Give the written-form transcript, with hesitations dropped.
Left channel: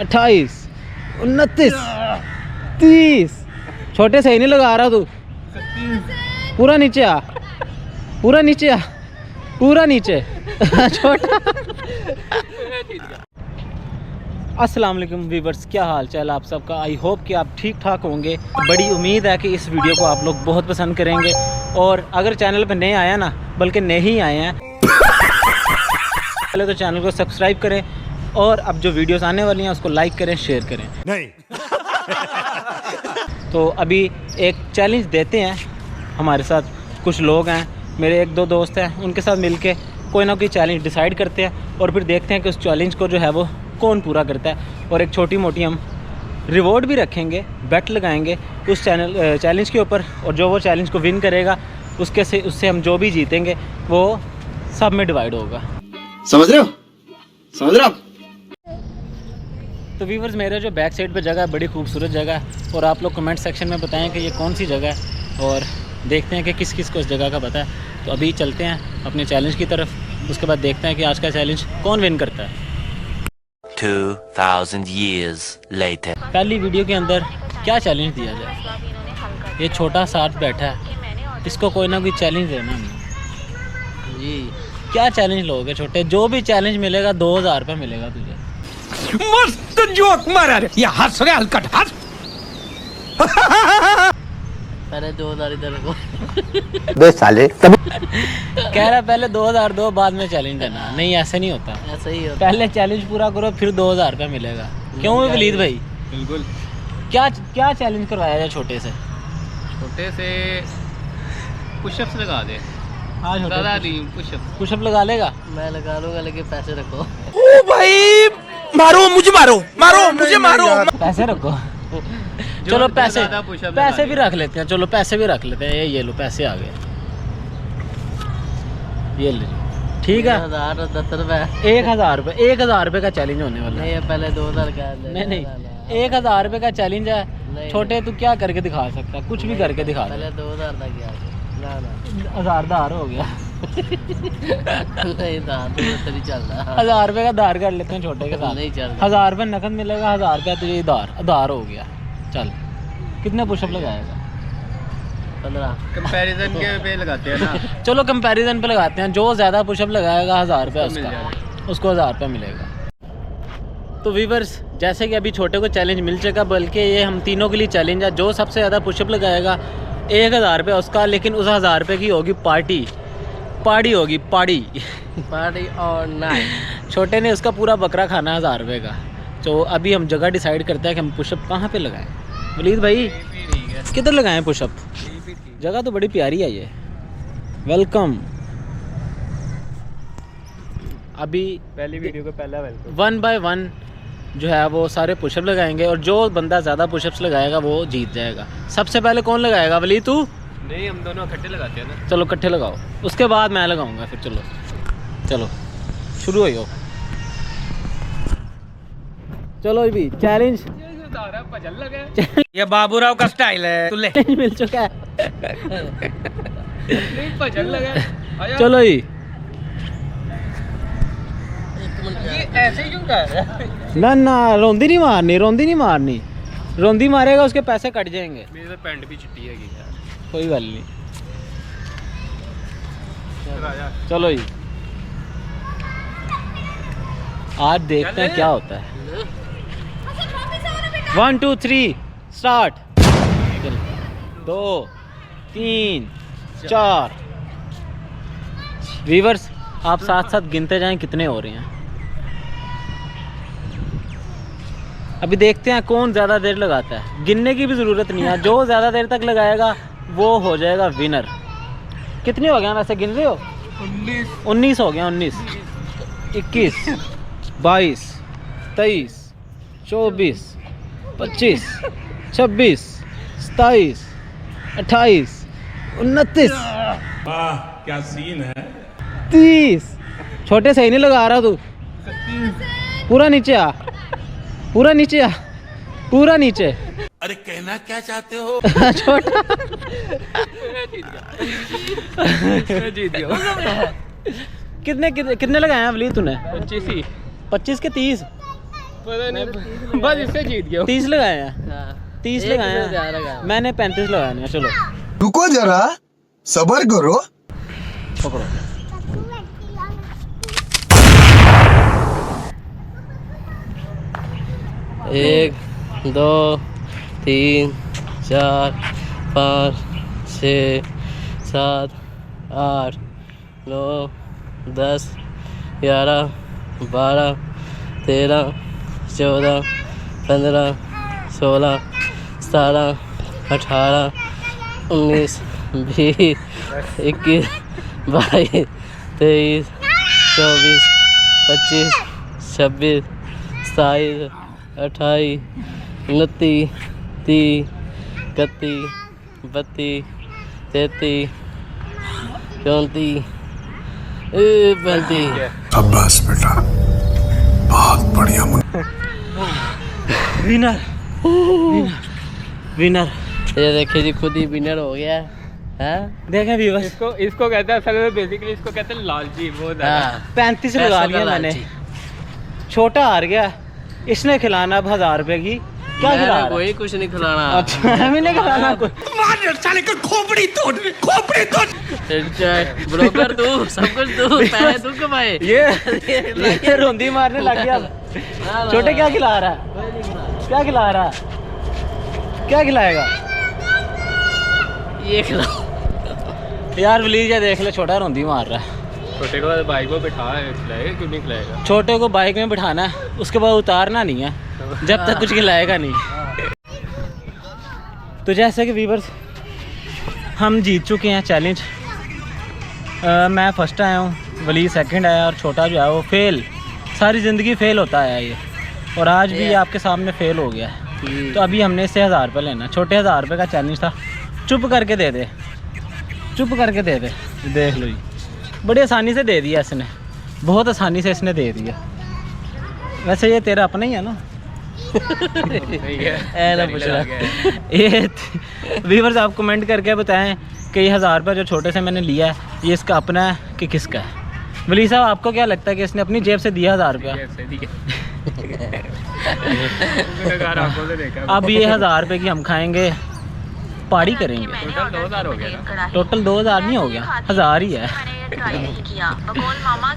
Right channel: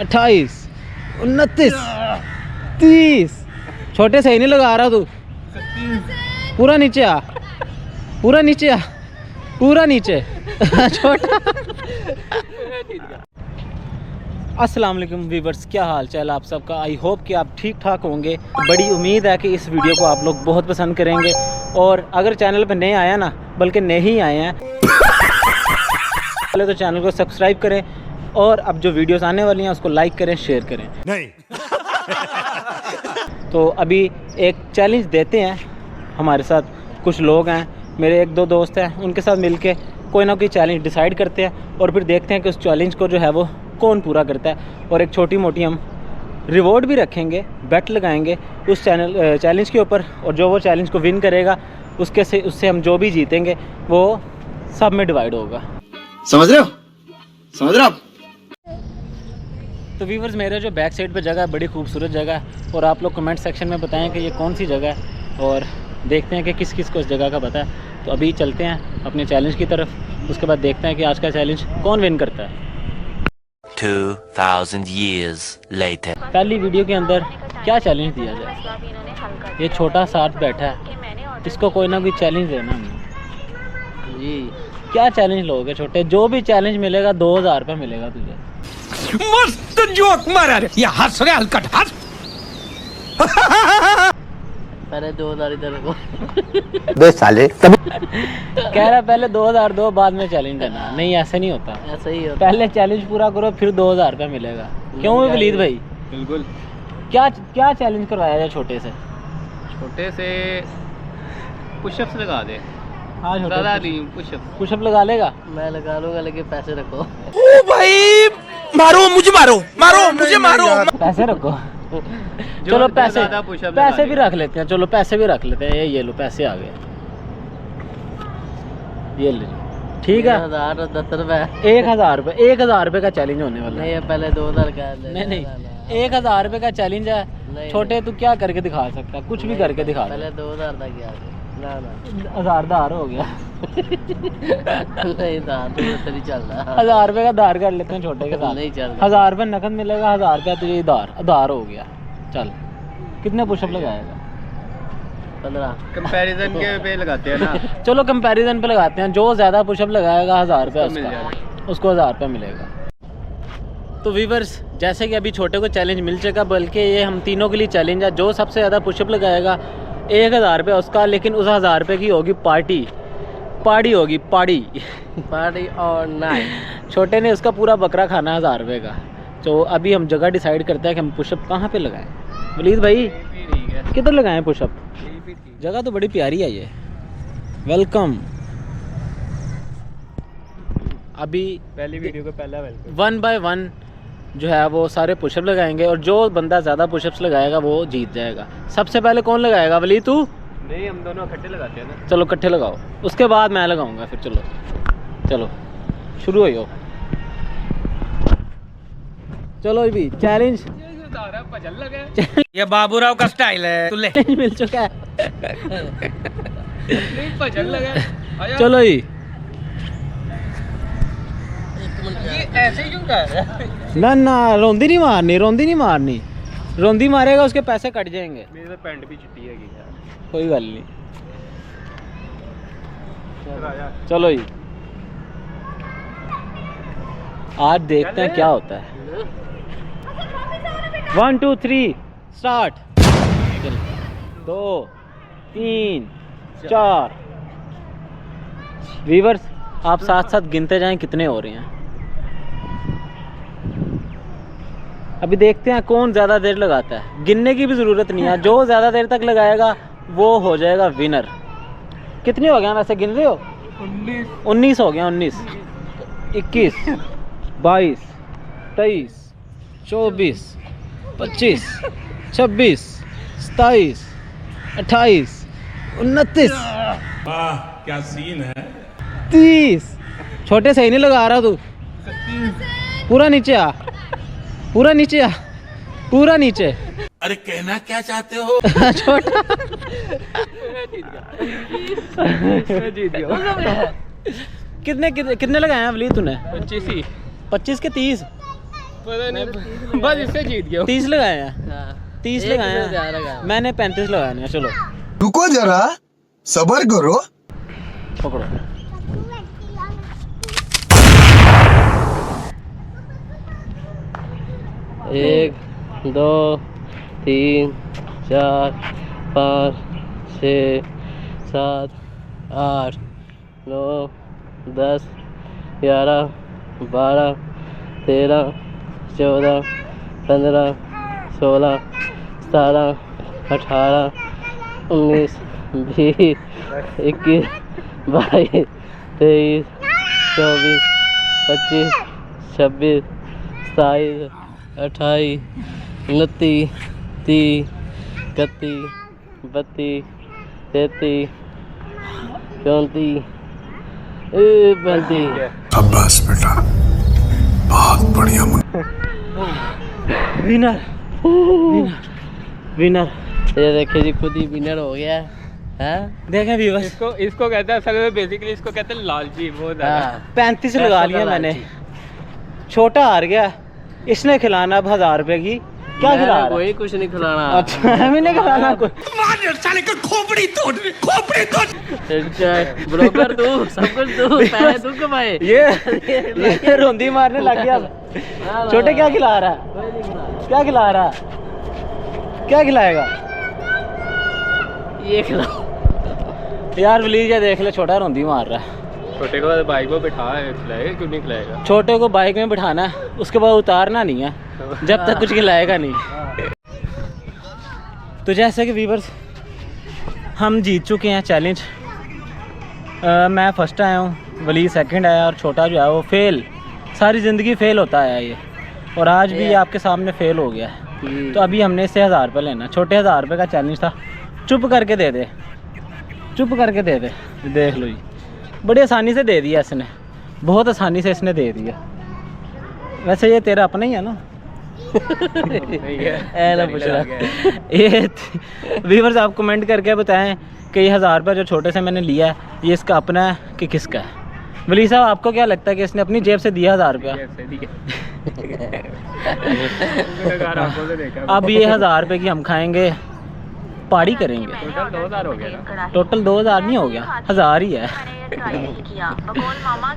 28, 29, 30। छोटे सही नहीं लगा रहा तू। पूरा नीचे आ, पूरा नीचे आ, पूरा नीचे। छोटा। अस्सलाम वालेकुम व्यूअर्स, क्या हाल चाल आप सबका। आई होप कि आप ठीक ठाक होंगे। बड़ी उम्मीद है कि इस वीडियो को आप लोग बहुत पसंद करेंगे। और अगर चैनल पर नए आया ना, बल्कि नहीं आए हैं, पहले तो चैनल को सब्सक्राइब करें और अब जो वीडियोस आने वाली हैं उसको लाइक करें, शेयर करें। नहीं। तो अभी एक चैलेंज देते हैं। हमारे साथ कुछ लोग हैं, मेरे एक दो दोस्त हैं, उनके साथ मिलके कोई ना कोई चैलेंज डिसाइड करते हैं और फिर देखते हैं कि उस चैलेंज को जो है वो कौन पूरा करता है। और एक छोटी मोटी हम रिवॉर्ड भी रखेंगे, बेट लगाएंगे उस चैलेंज के ऊपर। और जो वो चैलेंज को विन करेगा उससे हम जो भी जीतेंगे वो सब में डिवाइड होगा। समझ रहे हो? समझ रहे हो आप? तो व्यूअर्स, मेरे जो बैक साइड पे जगह है बड़ी खूबसूरत जगह है और आप लोग कमेंट सेक्शन में बताएं कि ये कौन सी जगह है और देखते हैं कि किस किस को इस जगह का पता है। तो अभी चलते हैं अपने चैलेंज की तरफ, उसके बाद देखते हैं कि आज का चैलेंज कौन विन करता है। 2000 years later. पहली वीडियो के अंदर क्या चैलेंज दिया जाए। ये छोटा साथ बैठा है, इसको कोई ना कोई चैलेंज देना हमने जी। क्या चैलेंज लोगे छोटे? जो भी चैलेंज मिलेगा 2000 रुपये मिलेगा तुझे। मस्त जोक मारा रे, ये हंस रहे हलकट हंस। पहले 2000 इधर को बे साले कह रहा पहले 2000 दो, बाद में चैलेंज देना। नहीं, ऐसे नहीं होता, ऐसा ही होता। पहले चैलेंज पूरा करो फिर 2000 रुपये मिलेगा। क्यों वलीद भाई? बिल्कुल। क्या चैलेंज करवाया जाए छोटे से? छोटे से पुशअप्स लगा दे। हाँ, ज़्यादा नहीं, पुशअप लगा लेगा। मैं लगा लूंगा, लेकिन पैसे रखो। ओ भाई, मारो मुझे, मारो मारो मुझे, मारो। पैसे रखो। चलो पैसे पुशअप पैसे भी रख लेते हैं। चलो पैसे भी रख लेते हैं। ये लो, पैसे आ गए, ये ले। ठीक है, 1010 रुपए। 1000 रुपये, 1000 रुपये का चैलेंज होने वाला है। नहीं, पहले 2000 का है। नहीं, 1000 रुपये का चैलेंज है। नहीं, छोटे तू क्या करके दिखा सकता है? कुछ भी करके दिखा। पहले 2000 तक गया। ना 1000 हो गया। नहीं, दार तो नहीं चल रहा। 1000 रुपये का दार कर लेते हैं छोटे के साथ। नहीं चल रहा। 1000 रुपये नकद मिलेगा, 1000 रुपया तुझे दार हो गया। चल, कितने पुशअप लगाएगा? 15। कंपैरिजन के पे लगाते हैं ना। चलो कंपैरिजन पे लगाते हैं। जो ज़्यादा पुशअप लगाएगा 1000 रुपया मिल जाएगा। उसको 1000 रुपया मिलेगा। तो व्यूअर्स, जैसे कि अभी छोटे को चैलेंज मिल चुका, बल्कि ये हम तीनों के लिए चैलेंज है। जो सबसे ज़्यादा पुशअप लगाएगा 1000 रुपया उसका, लेकिन उस 1000 रुपये की होगी पार्टी होगी, पार्टी और नाइट। छोटे ने उसका पूरा बकरा खाना है 1000 रुपये का। तो अभी हम जगह डिसाइड करते हैं कि हम पुशअप कहाँ पे लगाएं। वलीद भाई, किधर लगाएं पुशअप? जगह तो बड़ी प्यारी है ये। वेलकम। अभी पहली वीडियो को पहला वेलकम। 1 बाय 1 जो है वो सारे पुशअप लगाएंगे और जो बंदा ज़्यादा पुशअप्स लगाएगा वो जीत जाएगा। सबसे पहले कौन लगाएगा? वली तू? नहीं, हम दोनों इकट्ठे लगाते हैं ना। चलो इकट्ठे लगाओ, उसके बाद मैं लगाऊंगा फिर। चलो शुरू हो जाओ। चलो भी चैलेंज ये बाबूराव का स्टाइल है। तू ले। मिल चुका है। नहीं, भजन लगा। चलो जी, ये ऐसे क्यों कर रहा है? ना रोंदी नहीं मारनी। रोंदी मारेगा उसके पैसे कट जाएंगे। मेरी तो पैंट भी चिट्टी है यार। कोई गल नहीं। चलो जी, आज देखते हैं क्या होता है। 1 2 3 स्टार्ट। 2 3 4। व्यूअर्स, आप साथ साथ गिनते जाएं कितने हो रहे हैं। अभी देखते हैं कौन ज़्यादा देर लगाता है। गिनने की भी ज़रूरत नहीं है, जो ज़्यादा देर तक लगाएगा वो हो जाएगा विनर। कितने हो गए वैसे, गिन रहे हो? 19 हो गया। 19 21 22 23 24 25 26 27 28 29। क्या सीन है। 30। छोटे सही नहीं लगा रहा तू। पूरा नीचे आ, पूरा नीचे आ, पूरा नीचे। अरे कहना क्या चाहते हो? छोटा जीत गया। कितने लगाए हैं अवली तूने? 25 ही। 25 के 30। पता नहीं, बस इससे जीत गया 30 लगाए हैं, हाँ 30 एक लगाए से ज्यादा हैं, लगाया। मैंने 35 लगाए हैं। चलो रुको जरा सबर करो। पकड़ो। एक 2 3 4 5 6 7 8 9 10 11 12 13 14 15 16 17 18 19 20 21 22 23 24 25 26 27 28 29 30 31 32 33 34 35 शाबाश बेटा, बहुत बढ़िया। Winner winner. ये देखिए जी, खुद ही विनर हो गया है। देखें व्यूअर्स, इसको कहते हैं असल में, बेसिकली इसको कहते हैं लालची बहुत ज्यादा। हाँ 35 लगा लिया मैंने। छोटा हार गया, इसने खिलाना अब 1000 रुपए की। क्या खिला रहा है? कोई कुछ नहीं खिलाना। अच्छा हमें नहीं खिलाना कुछ। ब्रोकर तू, सब कुछ तू, पैसे तू कमाए। ये रोंदी मारने लग गया। छोटे क्या खिला रहा है? क्या खिला रहा है? क्या खिलाएगा? ये खिला। यार प्लीज ये देख ले, छोटा रोंदी मार रहा है। छोटे को बाइक में बिठा खिलाएगा, क्यों नहीं खिलाएगा? छोटे को बाइक में बिठाना है, उसके बाद उतारना नहीं है जब तक कुछ खिलाएगा नहीं। तो जैसे कि व्यूअर्स, हम जीत चुके हैं चैलेंज। मैं फर्स्ट आया हूँ, वली सेकंड आया और छोटा जो है वो फेल। सारी ज़िंदगी फेल होता है ये, और आज भी ये आपके सामने फेल हो गया है। तो अभी हमने इससे 1000 रुपये लेना। छोटे 1000 रुपये का चैलेंज था। चुप करके दे दे, चुप करके दे दे। देख लो जी, बड़ी आसानी से दे दिया इसने, बहुत आसानी से इसने दे दिया। वैसे ये तेरा अपना ही है ना? नहीं है, ऐसा पूछ रहा। ये व्यूअर्स आप कमेंट करके बताएं कि ये 1000 रुपये जो छोटे से मैंने लिया है, ये इसका अपना है कि किसका है? वली साहब, आपको क्या लगता है कि इसने अपनी जेब से दिया 1000 रुपया? अब ये 1000 रुपये की हम खाएंगे, पार्टी करेंगे। टोटल 2000 हो गया ना? टोटल 2000 नहीं हो गया, 1000 ही है। ट्राई नहीं किया बकौल मामा